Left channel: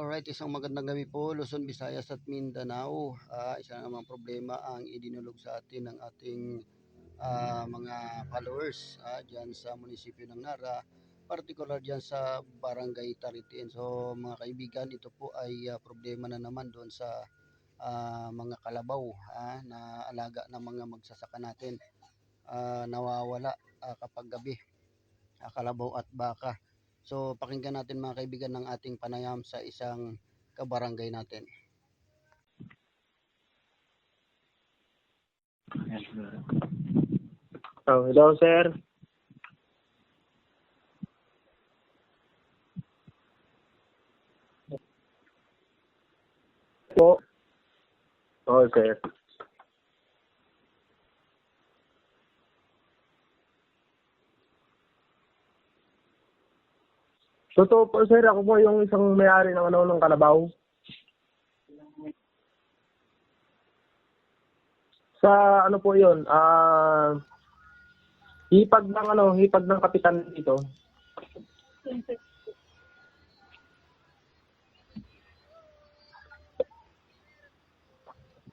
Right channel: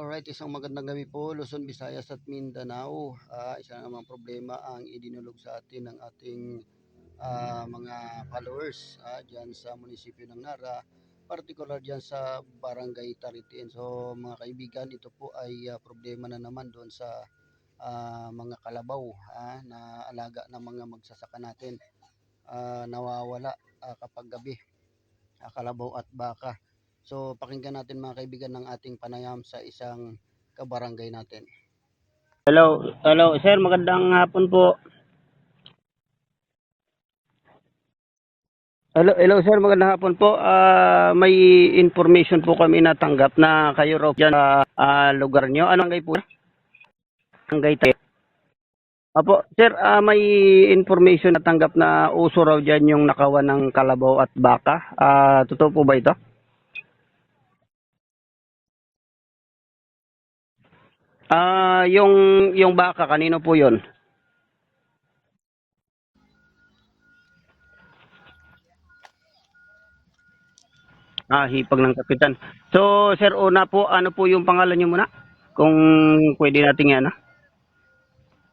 Alright, isang magandang gabi po, Luzon, Visayas at Mindanao. Isa na namang problema ang idinulog sa atin ng ating mga followers dyan sa munisipyo ng Nara, particular dyan sa Barangay Taritiin. So mga kaibigan, ito po ay problema na naman doon sa mga kalabaw na alaga ng mga magsasaka natin. Nawawala kapag gabi, kalabaw at baka. So pakinggan natin mga kaibigan ng ating panayam sa isang kabarangay natin. Hello, sir, magandang hapon po. Hello, sir. Hello, sir, magandang hapon po. May information po kami natanggap na kayo raw dyan sa lugar nyo. Anong barangay po? Po. Barangay tayo. Oo, sir. Apo, sir, may information natanggap na uso raw dyan yung nakawan ng kalabaw at baka. Totoo po ba ito? Totoo po, sir. Ako po yung isang may-ari ng kalabaw. Yung baka, kanino po yon? Sa ano po yun? Hipag ng kapitan dito. Hipag ng kapitan. So, sir, una po, ano po yung pangalan nyo muna? Kung pwede natin yan,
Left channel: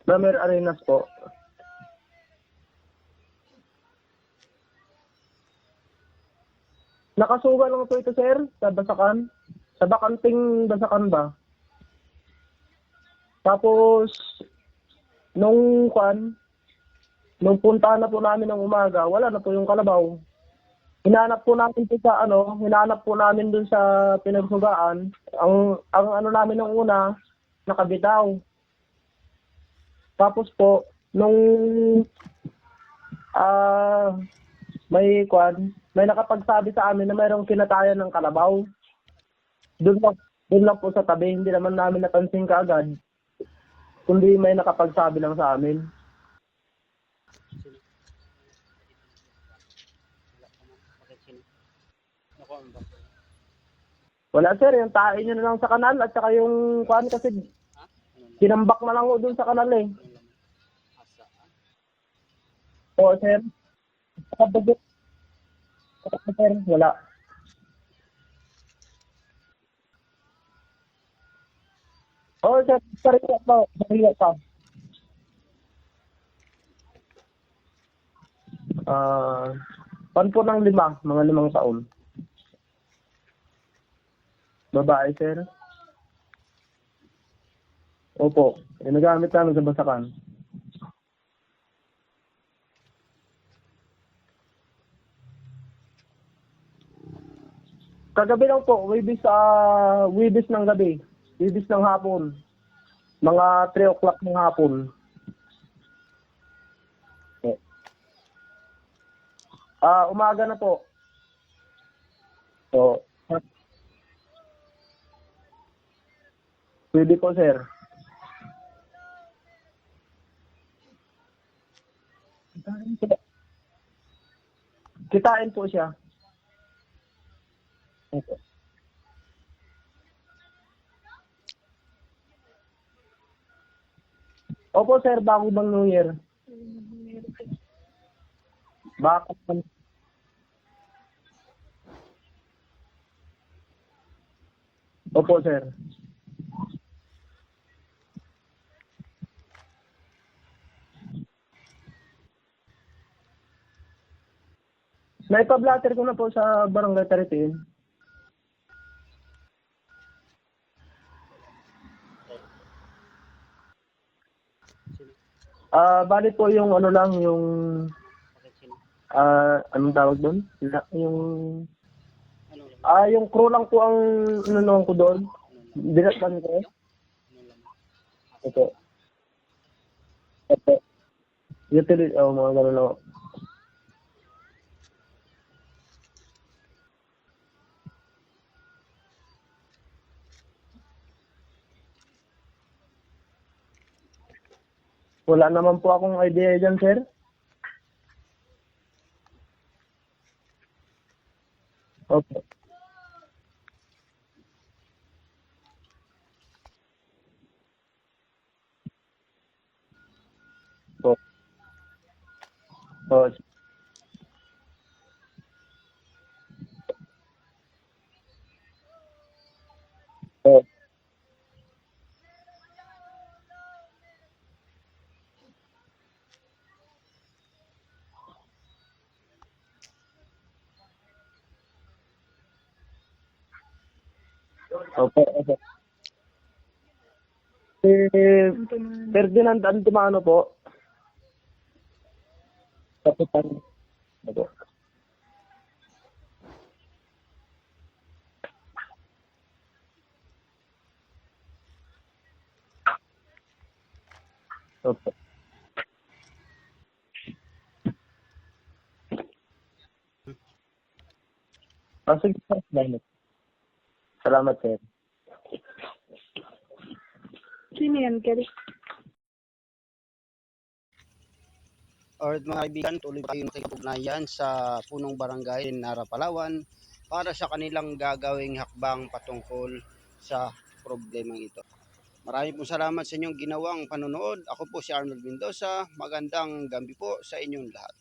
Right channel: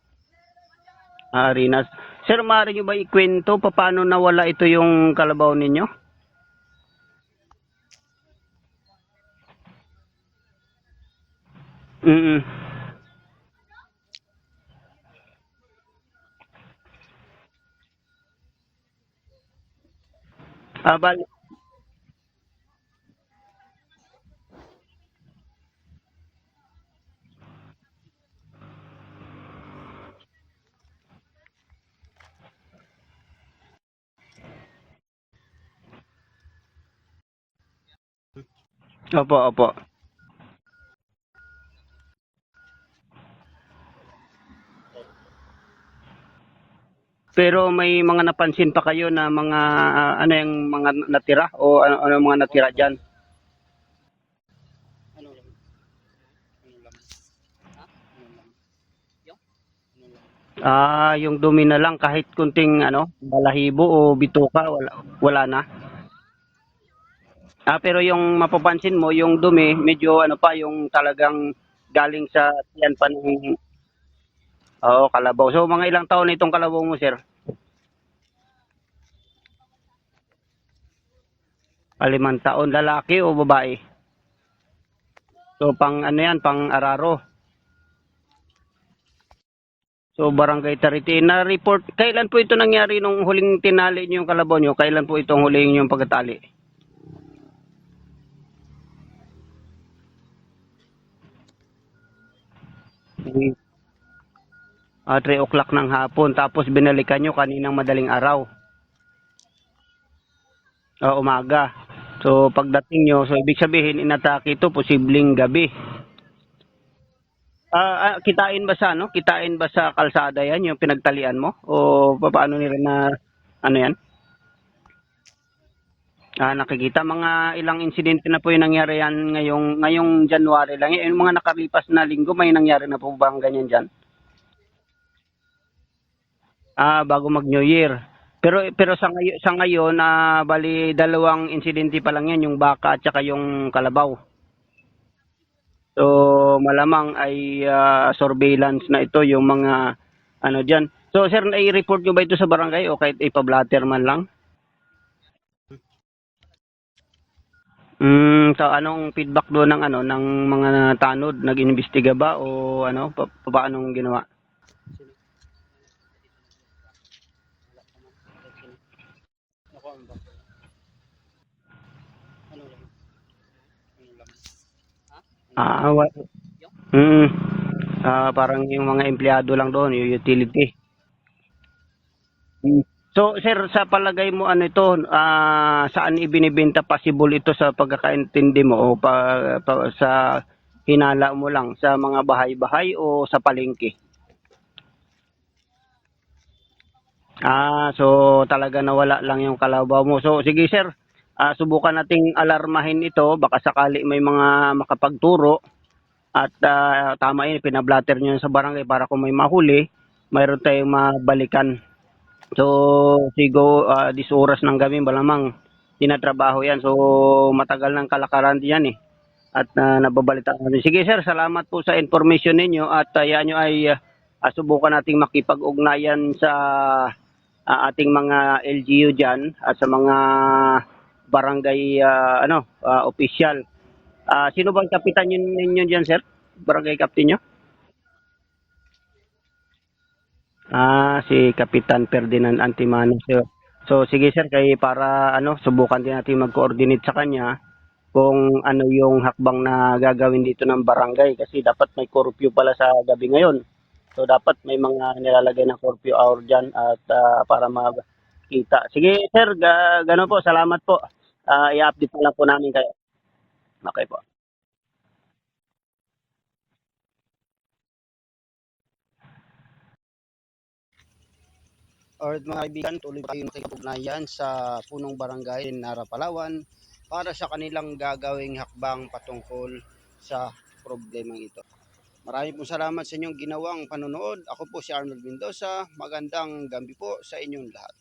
Bramer Arenas po. Arenas. Sir, maaari nyo ba ikwento paano nawala ito yung kalabaw ninyo? Nakasuga lang po ito, sir, sa Basakan. Sa Bakanting Basakan ba? Tapos, nung punta na po namin ng umaga, wala na po yung kalabaw. Hinanap po namin dun sa pinagsugaan. Ang ano namin nung una, nakabitaw. Tapos po, nung may nakapagsabi sa amin na mayroong kinatayan ng kalabaw. Opo. Doon lang po sa tabi, hindi naman namin napansin kaagad. Kundi may nakapagsabi lang sa amin. Pero may mga napansin pa kayo na mga ano yung mga natira o ano mga natira diyan? Wala, sir, yung tae nyo na lang sa kanal at saka yung kasi kinambak na lang doon sa kanal eh. Yung dumi na lang kahit kunting balahibo o bituka, wala na. Sir, wala. Pero yung mapapansin mo, yung dumi medyo yung talagang galing sa yan pa. Kalabaw. So mga ilang taon na itong kalabaw mo, sir? Pan po ng mga 5 taon. 5 taon, lalaki o babae? Babae, sir. So pang pang araro? Opo. Nagamit namin sa Basakan. So Barangay Taritiin na report. Kailan po ito nangyari nung huling tinali niyo yung kalabaw niyo? Kailan po itong huling yung pagkatali? Kagabi lang po, Wibis ng gabi. Wibis ng hapon. Mga 3 o'clock ng hapon. 3 o'clock ng hapon. Tapos binalikan nyo kaninang madaling araw? Umaga na po. Umaga. So pagdating nyo, so ibig sabihin inatake ito posibleng gabi. Pwede po, sir. Kitain ba sa kalsada yan yung pinagtalian mo? O paano nila na yan? Kitain po siya. Nakikita mga ilang insidente na po yung nangyari yan ngayong January lang. Yung mga nakalipas na linggo, may nangyari na po bang ganyan dyan? Opo, sir, bago bang New Year. Bago mag New Year. Pero sa ngayon, bali 2 insidente pa lang yan, yung baka at saka yung kalabaw. Opo, sir. So malamang ay surveillance na ito yung mga dyan. So sir, nai-report nyo ba ito sa barangay o kahit ipablatter man lang? Naipablatter ko na po sa Barangay Taritiin. So anong feedback doon ng mga tanod? Nag-imbestiga ba o paano ginawa? Bali po yung anong tawag doon? Yung crew lang po ang ko doon. Parang yung mga empleyado lang doon, yung utility. Mga gano'n. So, sir, sa palagay mo saan ibinibenta possible ito sa pagkakaintindi mo o sa hinala mo lang sa mga bahay-bahay o sa palengke? Wala naman po akong idea dyan, sir. So talaga nawala lang yung kalabaw mo. So sige, sir, subukan nating alarmahin ito, baka sakali may mga makapagturo at tama yun, pinablatter nyo sa barangay para kung may mahuli, mayroon tayong mabalikan. So sigo 10 oras ng gabi malamang tinatrabaho yan. So matagal ng kalakaran diyan at nababalita natin. Sige sir, salamat po sa information ninyo at yan nyo ay subukan nating makipag-ugnayan sa ating mga LGU dyan at sa mga barangay official. Sino bang kapitan ninyo dyan sir? Barangay captain nyo? Si Ferdinand Antimano po. Si Kapitan Ferdinand Antimano sir. So sige sir, kay para subukan din natin mag-coordinate sa kanya kung ano yung hakbang na gagawin dito ng barangay kasi dapat may curfew pala sa gabi ngayon. So dapat may mga nilalagay na curfew hour dyan at para makita. Sige sir, gano'n po, salamat po. I-update na po namin kayo. Okay po. Salamat sir. Sino yan, Kelly? Alright mga kaibigan, tuloy tayo makikipag-ugnayan sa punong barangay Nara, Palawan para sa kanilang gagawing hakbang patungkol sa problemang ito. Maraming pong salamat sa inyong ginawang panonood. Ako po si Arnold Mendoza. Magandang gabi po sa inyong lahat.